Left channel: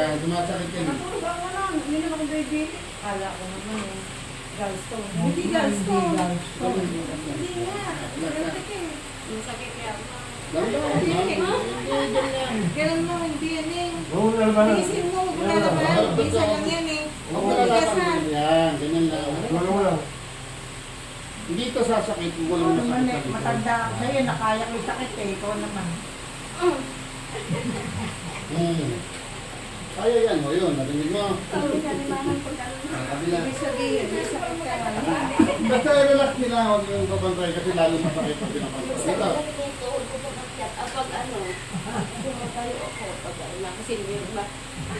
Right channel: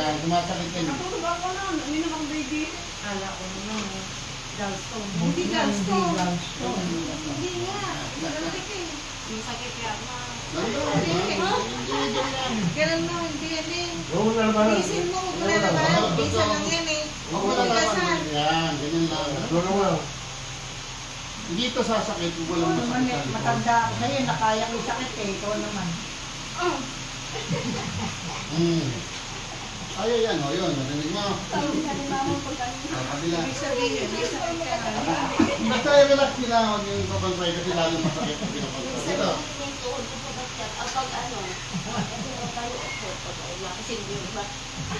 Yan, sumasakit yan. Natulog ako na. Hindi naman akong baby. Kala ko naman. Gallstone. Hindi Hindi gallstone. gallstone. Hindi nga. Malapit eh. Masakit kaya ako. Kailan mo, hindi yan eh. Oo, naman na. Isin mo, wala naman. Isa lang yan eh. Huwag mo nalaman. Yan, ganyan lang. Wala mo lang. Hindi ito sasakit, walang naman eh, masakit. matanda ako sa'yo, nakaya ko yung sakit eh, ikaw naman. Kaya yan, o yun, narinig mo. Kabila. Ibig sabihin, may sakit ka na. Basta i-relax nila, huwag yung pabantay kasi lalo masakit pag pinapantay. Dito. Pag ano, tayo ako pag ano, kasi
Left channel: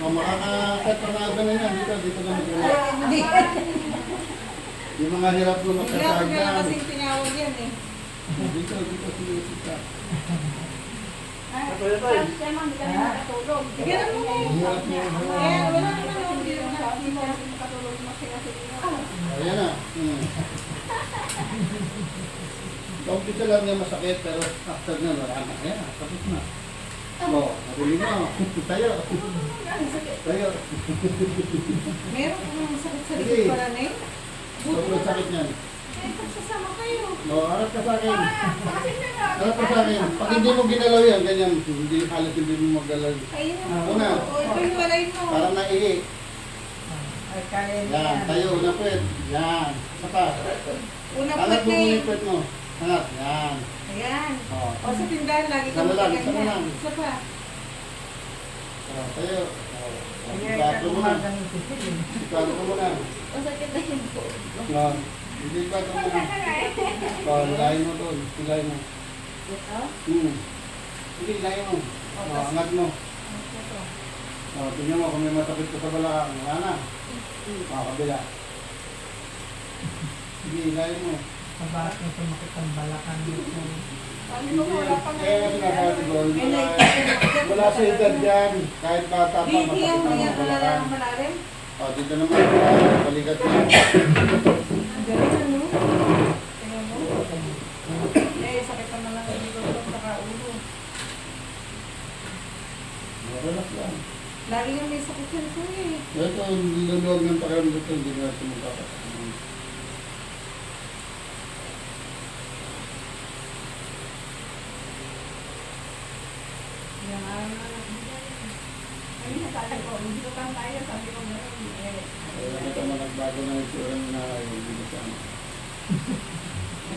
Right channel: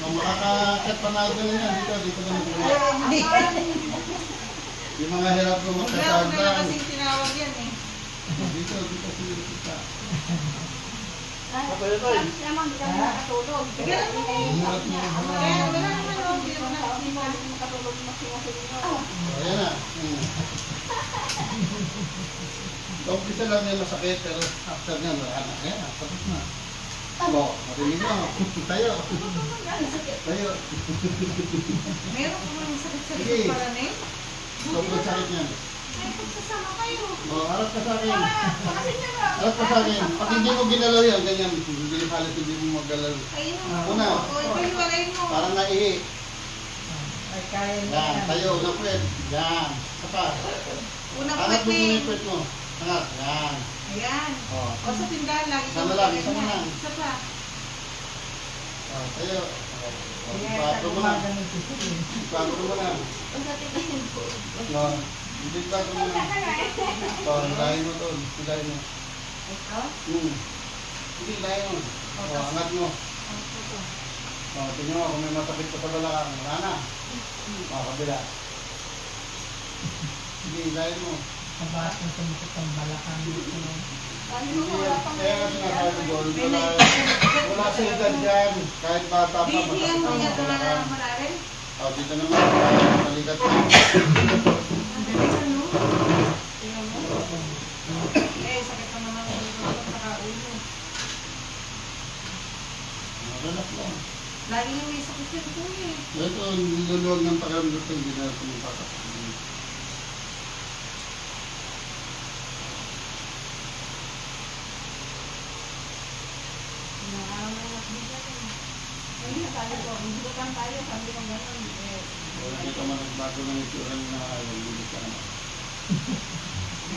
Makakakat pa na ito yan. Dito na mag-relax. Hindi. Yung mga hirap ko Wala ko na magkasagdan. kasi tinawag yan eh. Dito siya. siya man, hindi kami nakatulog. Ganun mo. Hirap niya. Eh, wala naman o. Hindi naman nakatulog na sinasino. Ayan na. Umpisa lang niya masakit, pero after niya, wala na. Ayan na, tapos na. O, narinig mo. Tayo. Tayo. Meron ko mga sakit sa Sige. likod pala na eh. Sobrang sakit niyan. May pagsasama kayo. O, harap ka sa akin. Harap ka sa akin. Pag hindi mo ginalaw yan, ganyan. Hindi halos hindi mo maggalaw. Ayun. Una. O, ito yung walay mo. Parang naihi. Ay, kaya niya Yan, yan. tayo, una puwet. Yan. Sapa. Una po Angat mo muna eh. yung puwet mo. Angat. Yan. Ayan. O. O sa tindahan lagi Isa na lang, ganyan. isa na lang. Isa pa. O, tayo. O, Kaya ipato mo na. gumagano si Sil. Ipato mo na. Masakit na yun po. No. Hindi ipato mo na. O, hilahin mo doon. Hilahin mo. Ito? Hindi, hilahin mo. O, angat mo. O, tingnan mo kung may masakit ka sa balakang. Wala na. O, kabila. Hindi, hilahin mo. Sa bahat mo sumakit ang balakang dito. Hindi, kaya nga sinasabi ko, wala sa edad yan. Kahit bata pa, masakit Bibigyan mo ang yan na balakang. malalim. O, dito naman, balikat mo. Ang galing ano? Tingnan mo. Eh, sakit naman ang ulo ko saka ulo. Relax lang. Lagi yung may sakit yan ko eh. Ito ang luluwag ng pakiramdam ko, hindi na tumutata. Yan. Ay, nakala ko. Hindi ko kang tayo. Sabi ko gano'n. Eh, Nakita mo nagbago na yung tsura mo na ayaw, hindi ka na.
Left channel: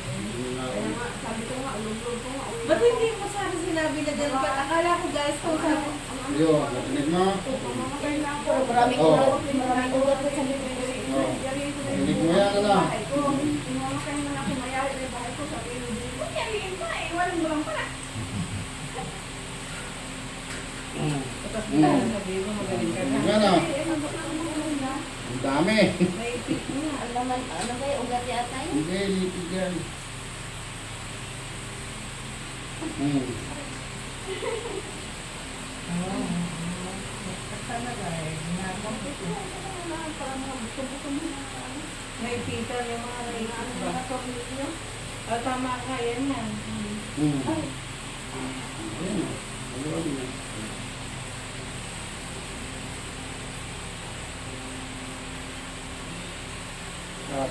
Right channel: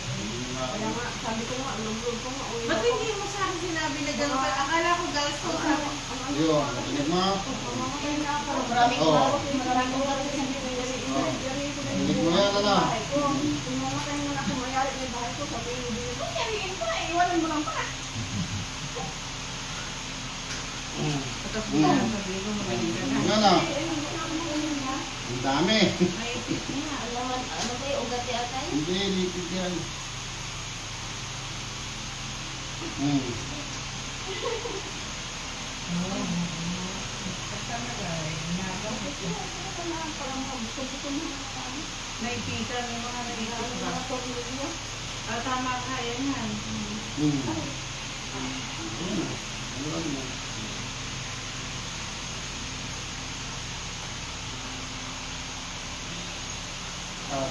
Hindi na Kaya nga, sabi ko nga, ulog-ulog ko nga. ba't hindi mo sa akin sinabi na gano'n pa? Akala ko guys, kung sabi. Yun, tinig mo. Mamakain na ako. Marami ko Oo. na ako. Marami ko ba sa bibig kasi Oo. yari ko rin. Tinig mo yan, ano? Bahay ko. Kung mamakain man ako, mayari na bahay ko. Sabi ko, yari pa, iwanan mo lang pala. Tapos mo sabi ko, magaling ka na. Nga na, Eh, ano ba na? ang dami. May ipit niya. Ano naman, ano ba yung ugat yata yun? Hindi, lipid yan. Oo. Talaga eh. Ginagawa ko ito. May ipitan yung mga naipit ba? Mga tumulog niya. Ah, tama ka, yan yan. Ayun mo.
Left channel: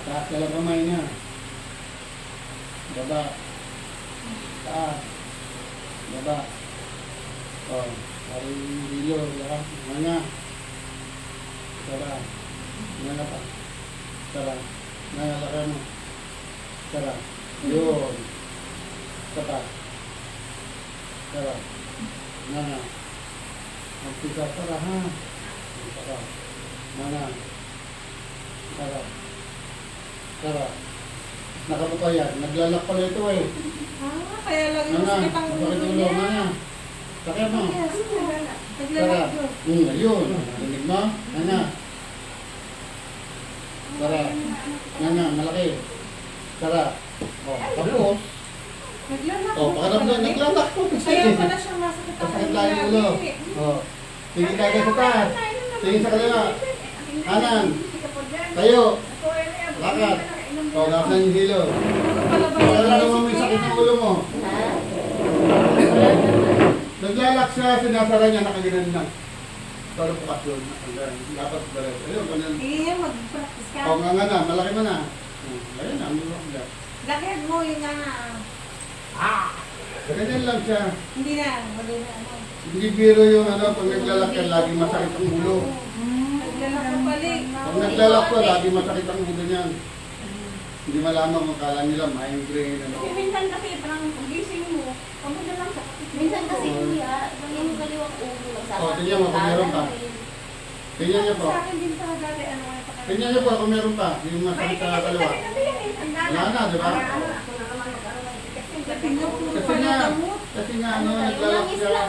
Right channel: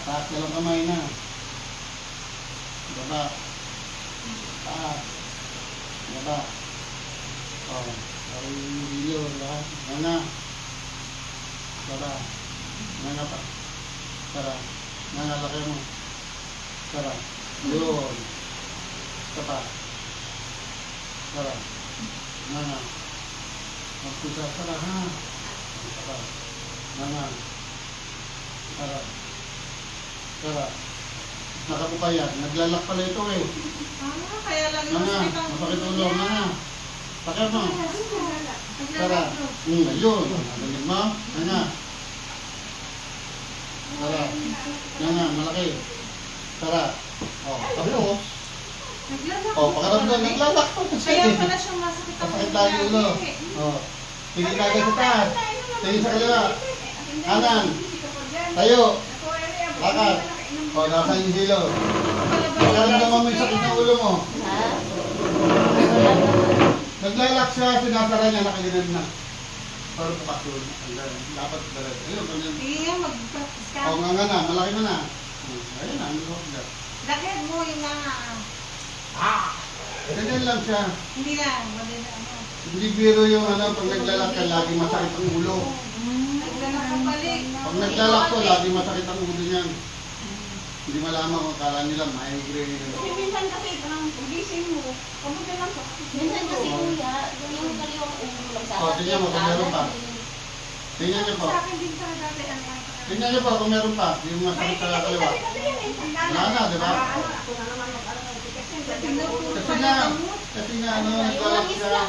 Taas ka lang kamay na. Baba. Taas. Baba. O, parang yung hilo, lahat. Nanga. Tara. Nanga pa. Tara. Nanga, laki mo. Tara. Yun. Tara. Tara. Nanga. Magpisa, tara ha. Tara. Nanga. Tara. Tara. Nakatupa yan. Naglalak pala ito eh. Ah, kaya lang yung Nanga. sakit ang Masakit ulo ulo. niya. Nanga. Sakit mo. Tara. Naglalak ko. Ayun. Narinig mo? Nanga. Tara. Nanga. Malaki. Tara. O, tapos. Naglalak O, pakaramdam. Naglalak po. Kaya pala siya masakit ang Masakit ulo tayo niya. ulo. O. Tingin ka agad sa taas. Tingin sa kanila. Kanan. Tayo. Lakad. O, nasa yung hilo. Nararamdaman mo yung sakit ng ulo mo. Ha? Wala naman. Naglalak siya, sinasara niya, nakaganan na. Pero pa. Doon, dapat diretso. Ayun, ganun. Sige nga, mag-practice ka. O, nga na, malaki mo na. Ayun na, malaki na. Lakad mo yung nga. Ganyan lang siya. Hindi na, mali na ano. Hindi biro yung ano, pag naglalak ka, lagi masakit ang ulo. Naglalak ka balik. Pag naglalak ko, lagi masakit ang ulo niyan. Hindi malaman kung kala nila migraine. Ano. Kasi minsan kasi, gising mo, kamusta lang siya. Minsan kasi kuya, yung kaliwang ulo lang sa O, tingnan mo kung meron pa. Tingnan niyo po. Sa akin din pala dati, ano nga pa. Tingnan niyo po kung meron pa. Yung masakit sa kaliwa. Wala na, di ba? Kasi nga ano, naglalak siya.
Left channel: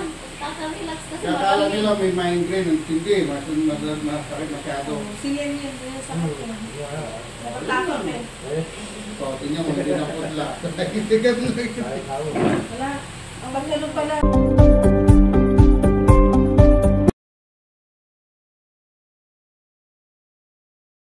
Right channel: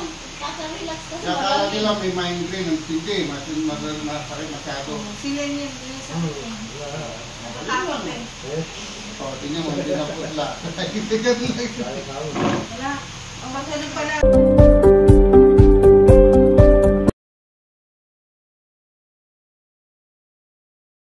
Relax kasi. Kaya kala nila may migraine, hindi. Masakit masyado. Sila niya, sila sa akin. Natatakot eh. O, tingnan mo, hindi na putla. Hindi ka Wala.